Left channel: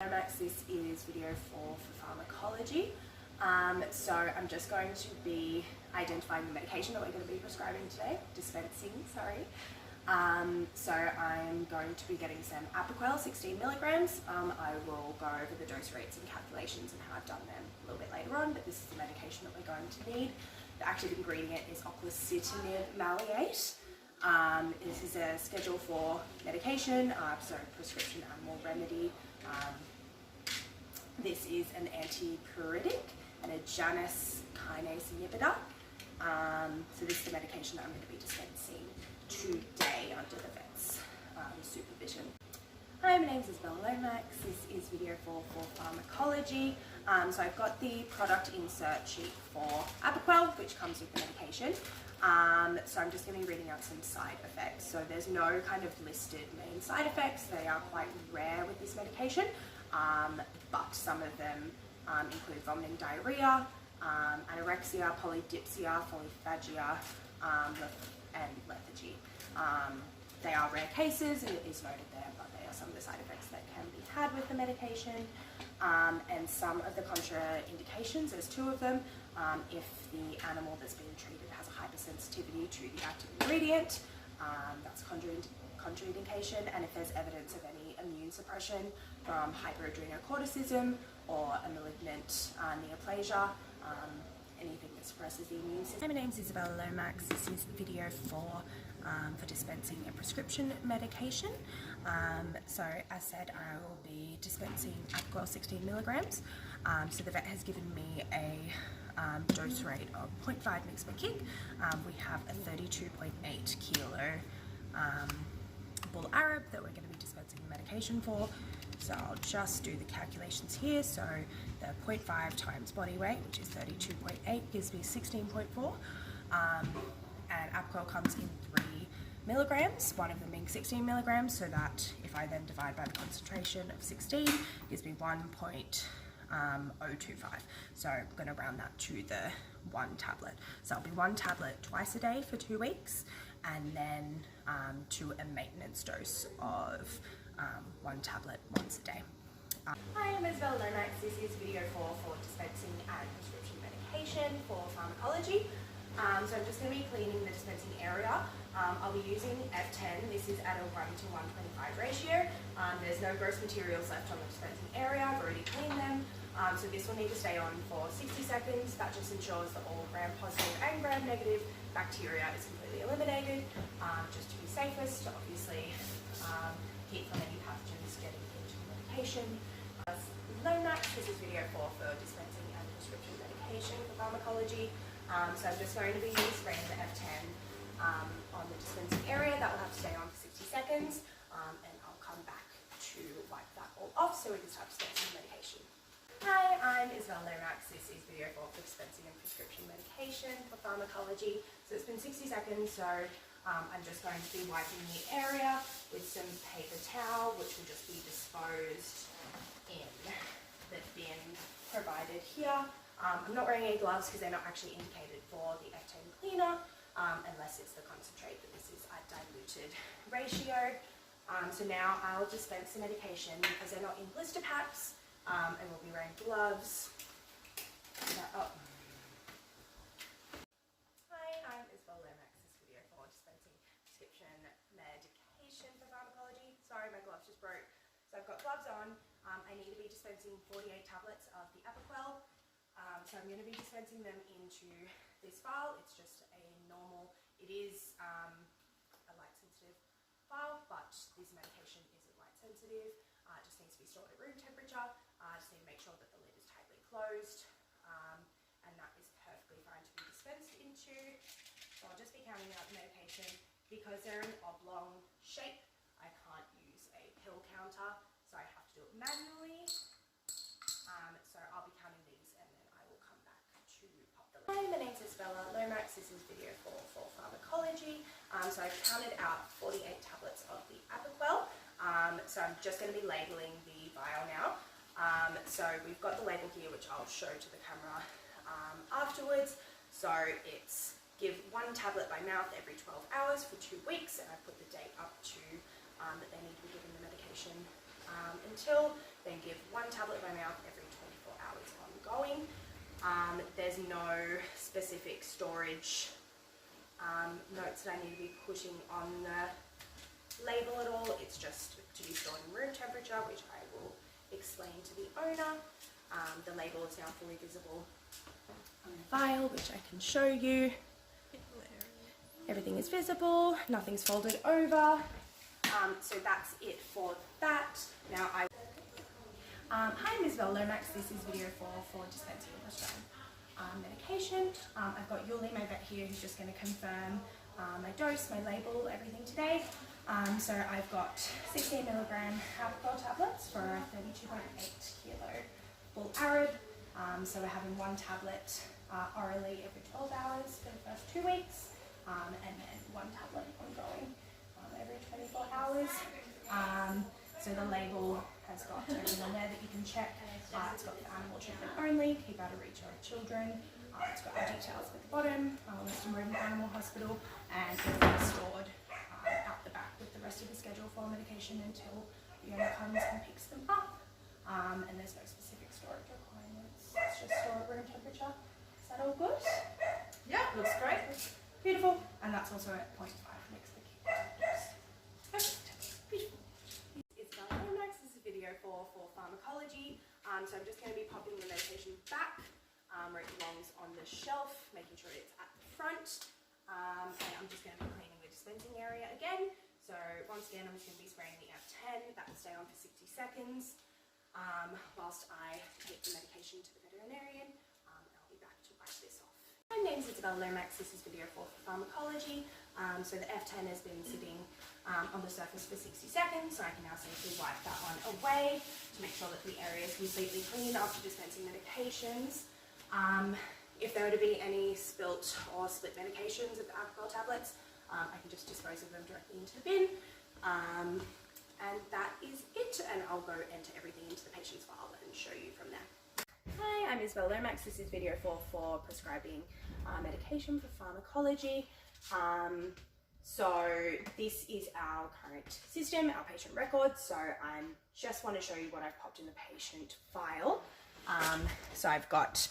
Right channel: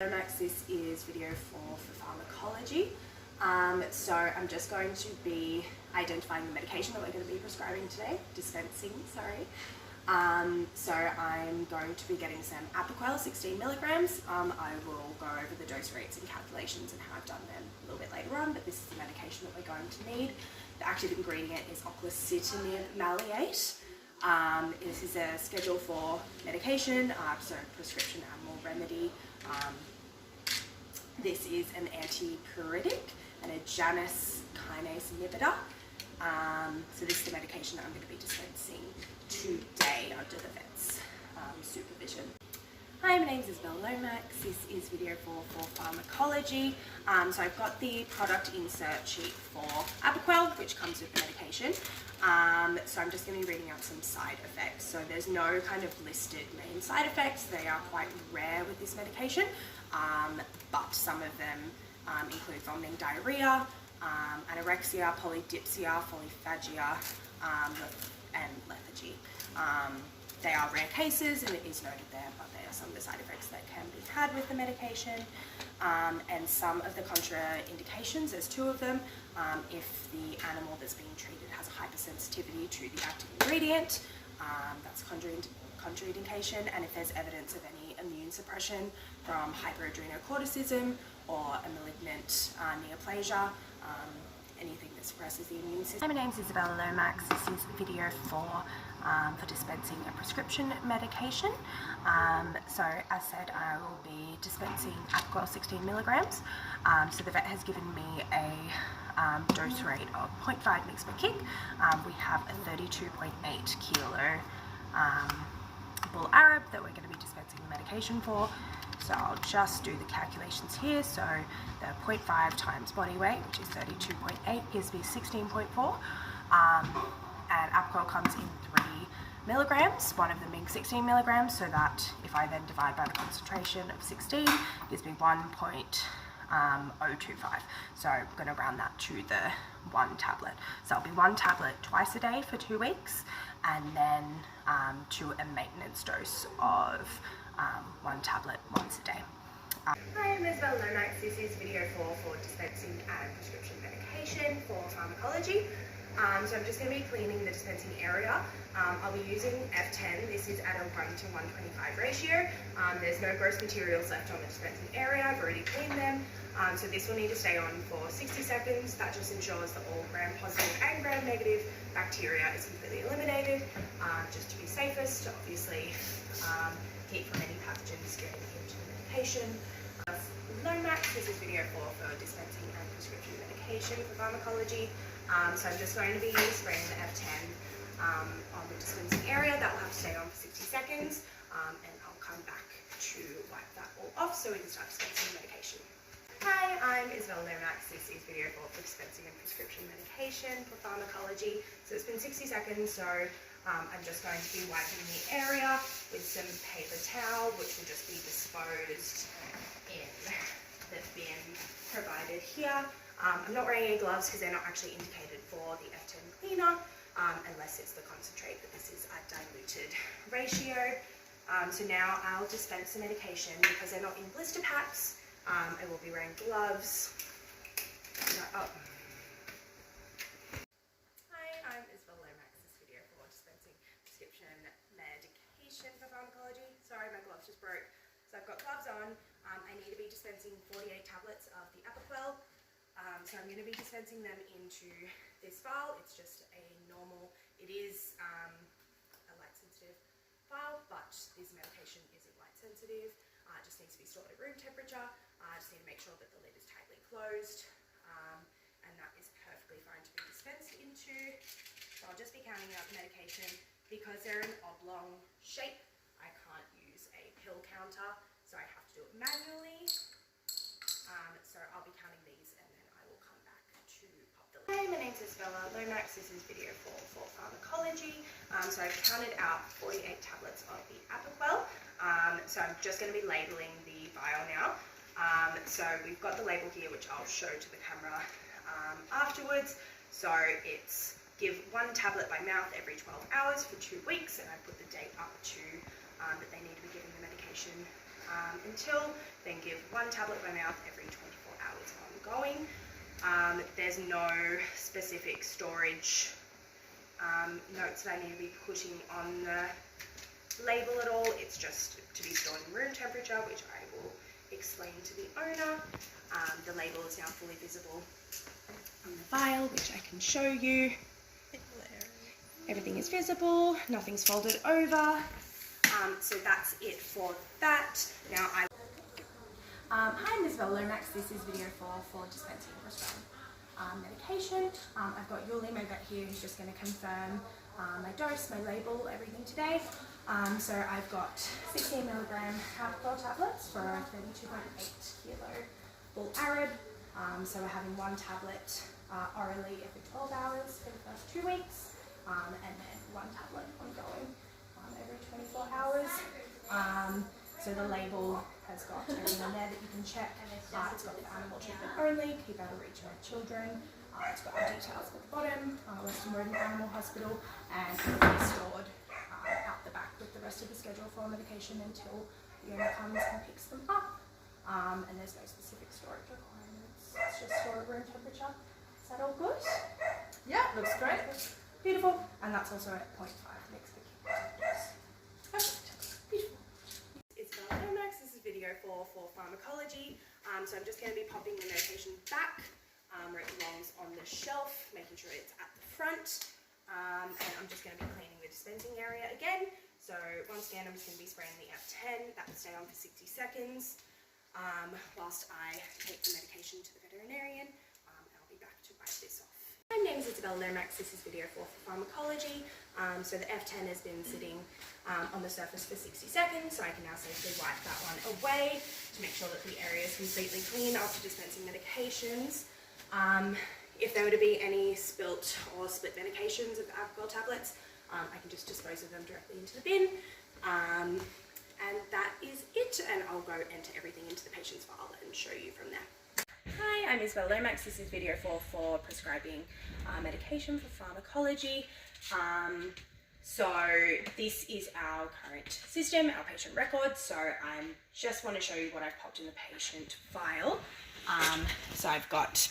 Max, this is video 4 for pharmacology. So I'm just going to be identifying the medication that we're going to be prescribing today, dispensing, sorry. So I'm going to be getting some Apoquel, 16 milligrams. I will go over the dose rates and calculations and how I've done them a little bit later on, but this is the medication that we're going to need. The active ingredient is oclosutinib maleate. This is a Schedule 4 medication, so prescription animal remedy. This is an antipruritic and a Janus kinase inhibitor. So this is the medication that I'm going to be dispensing today under the vet's supervision. Hi, my name is Isabella Lomax. This is video 4 for pharmacology. So I've got the product insert sheet for Apoquel, which comes with the medication. So I'm just going to be reading out some side effects. So there's no kind of listed main side effects. They are quite rare with this medication, but some of them include vomiting, diarrhea, anorexia, polydipsia, polyphagia, and lethargy. They are rare cases, and it is noted there, but they are some of the side effects that can be had with the medication. And some of the contraindications, there's 2 of them. If the animal that's being treated has a hypersensitivity to the active ingredient, that's contraindication. And if there's evidence of any immune suppression from hyperadrenocorticism or a malignant neoplasia, anything that suppresses the immune system. Hi, my name is Isabella Lomax. This is video 4 for dispensing a prescription medication. So as said, I will be dispensing Apoquel 16 milligrams. So the vet has given me a dose rate of 0.5 mg per kg. We have a 32.8 kilo bull Arab that we're going to be dispensing the medication for. So I'll just do the calculations here. So the 0.5 times body weight, which is 32.8, gives me 16.4. And Apoquel comes in 3 milligrams, one of them being 16 milligrams, so that if I then divide by the concentration of 16, gives me 1.025. So I'm going to round that to the 1 tablet. So it'll be 1 tablet twice a day for 2 weeks, and then to a maintenance dose of 1 tablet once a day. Hi, I'm Isabella Lomax. This is video 4 for dispensing and prescription medication for pharmacology. So I'm just going to be cleaning the dispensing area. I'll be using F10. This is at a 1 to 125 ratio. There's no gross materials left on the dispensing area. I've already cleaned them. So this will need to stay on for 60 seconds. That just ensures that all gram-positive and gram-negative bacteria is completely eliminated, just to be safest, to obviously keep from any pathogens getting into the medication. Lomax, this is video 4 for dispensing and prescription medication for pharmacology. So I'm just going to be spraying the F10 on the dispensing area. That will have to stay on for 60 seconds, and I'll come back to wipe that all off so we can start dispensing medication. Hi, I'm Isabella Lomax. This is video 4 for dispensing and prescription medication for pharmacology. So it's been 60 seconds, so I'm just going to be wiping the area with some paper towel, which will just be disposed in the bin provided here. I'm not wearing any gloves because they're not actually indicated for the F10 cleaner, unless it's the concentrate, but this is a diluted ratio. So now I'll dispense the medication because they're not in blister packs. I will be wearing gloves. Hi, I'm Isabella Lomax. This video for dispensing prescription medication for pharmacology. Sorry, my gloves just broke. So I've got gloves on. I need to be dispensing 48 tablets of the Apoquel. So I'm going to be dispensing them into this vial. It's just a normal, it is a light sensitive vial, but this medication isn't light sensitive. It just needs to be stored at room temperature. Just need to make sure that the lid is tightly closed, and that is perfectly fine to be dispensed into. So I'll just be counting out the medication. Because they're an oblong shape, I can't use a pill counter, so I have to do it manually. So I'll be counting these and then I will come back to pop the lid. Hi, my name is Isabella Lomax. This is video 4 for pharmacology. So I've counted out 48 tablets of the Apoquel. So I'm just going to be labeling the vial now. So we've got the label here, which I'll show to the camera afterwards. So it's give 1 tablet by mouth every 12 hours for 2 weeks, and I put the date up to that they need to be giving the medication until, then give 1 tablet by mouth every 24 hours ongoing. There's no specific storage notes that I need to be putting on the label at all. It's just to be stored in room temperature, which I will explain to the owner. The label is now fully visible on the vial, which I can show you. Everything is visible, nothing's folded over. So that's it for that. Now hi, I'm Isabel Lomax. This is video 4 for dispensing and prescribing medication. I've got Yuli, my vet here, who's just going to confirm my dose, my label, everything today. So I've got 16 milligram alcohol tablets for 32.8 kilo full Arab. So we're having 1 tablet orally every 12 hours for the first 2 weeks, and then 1 tablet ongoing every 24 hours. So the label has got everything on there that you can check. It's got the animal treatment only, keep out of reach of children. It's got our details at the bottom, Western Rodent Animal Hospital, and it will be stored out the back with the rest of the schedule for medication until the owner comes and picks them up. And there's no specific storage requirements. It's just stored at room temperature. Is that all good? Yeah, looks great. Beautiful. And that's also at 0.5 mg per kg. Beautiful. It's Lomax. This is video 4 for pharmacology. So I'm just going to be popping the medication back where it belongs on the shelf, making sure it's at the front. And I'm just going to be cleaning the dispensing area again. So once again, I'm just going to be spraying the F10. That will stay on for 60 seconds whilst I take the medication to the veterinarian. And I'll be back to wipe this off. My name is Isabel Lomax. This is video 4 for pharmacology. So the F10 has been sitting on the surface for 60 seconds, so I can now safely wipe that one away to make sure that the area is completely clean after dispensing medications. If there were to be any spilt or split medications of alcohol tablets, I can just dispose of them directly into the bin. And that is it, and I'll go enter everything into the patient's file and show you from there. Hi, I'm Isabel Lomax. This is video 4 for prescribing medication for pharmacology. So this is our current system, our patient records. So I just want to show you what I've popped in the patient file. So I've got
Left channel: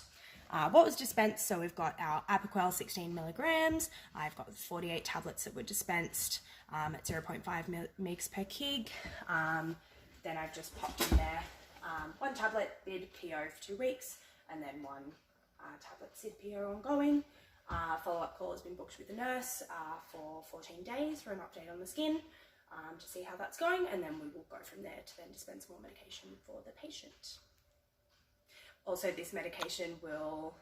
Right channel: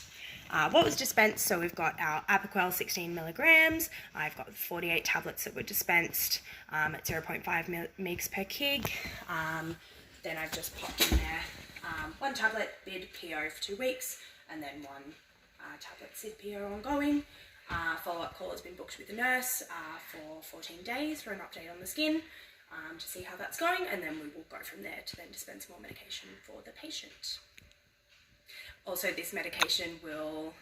what was dispensed. So we've got our Apoquel 16 milligrams. I've got 48 tablets that were dispensed at 0.5 mg per kg. Then I've just popped in there 1 tablet BID PO for 2 weeks, and then 1 tablet SID PO ongoing. Follow-up call has been booked with the nurse for 14 days for an update on the skin to see how that's going, and then we will go from there to then dispense more medication for the patient. Also, this medication will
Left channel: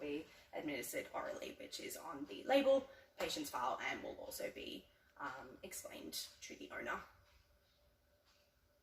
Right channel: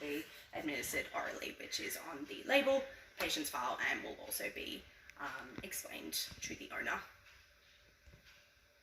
be administered orally, which is on the label, patient's file, and will also be explained to the owner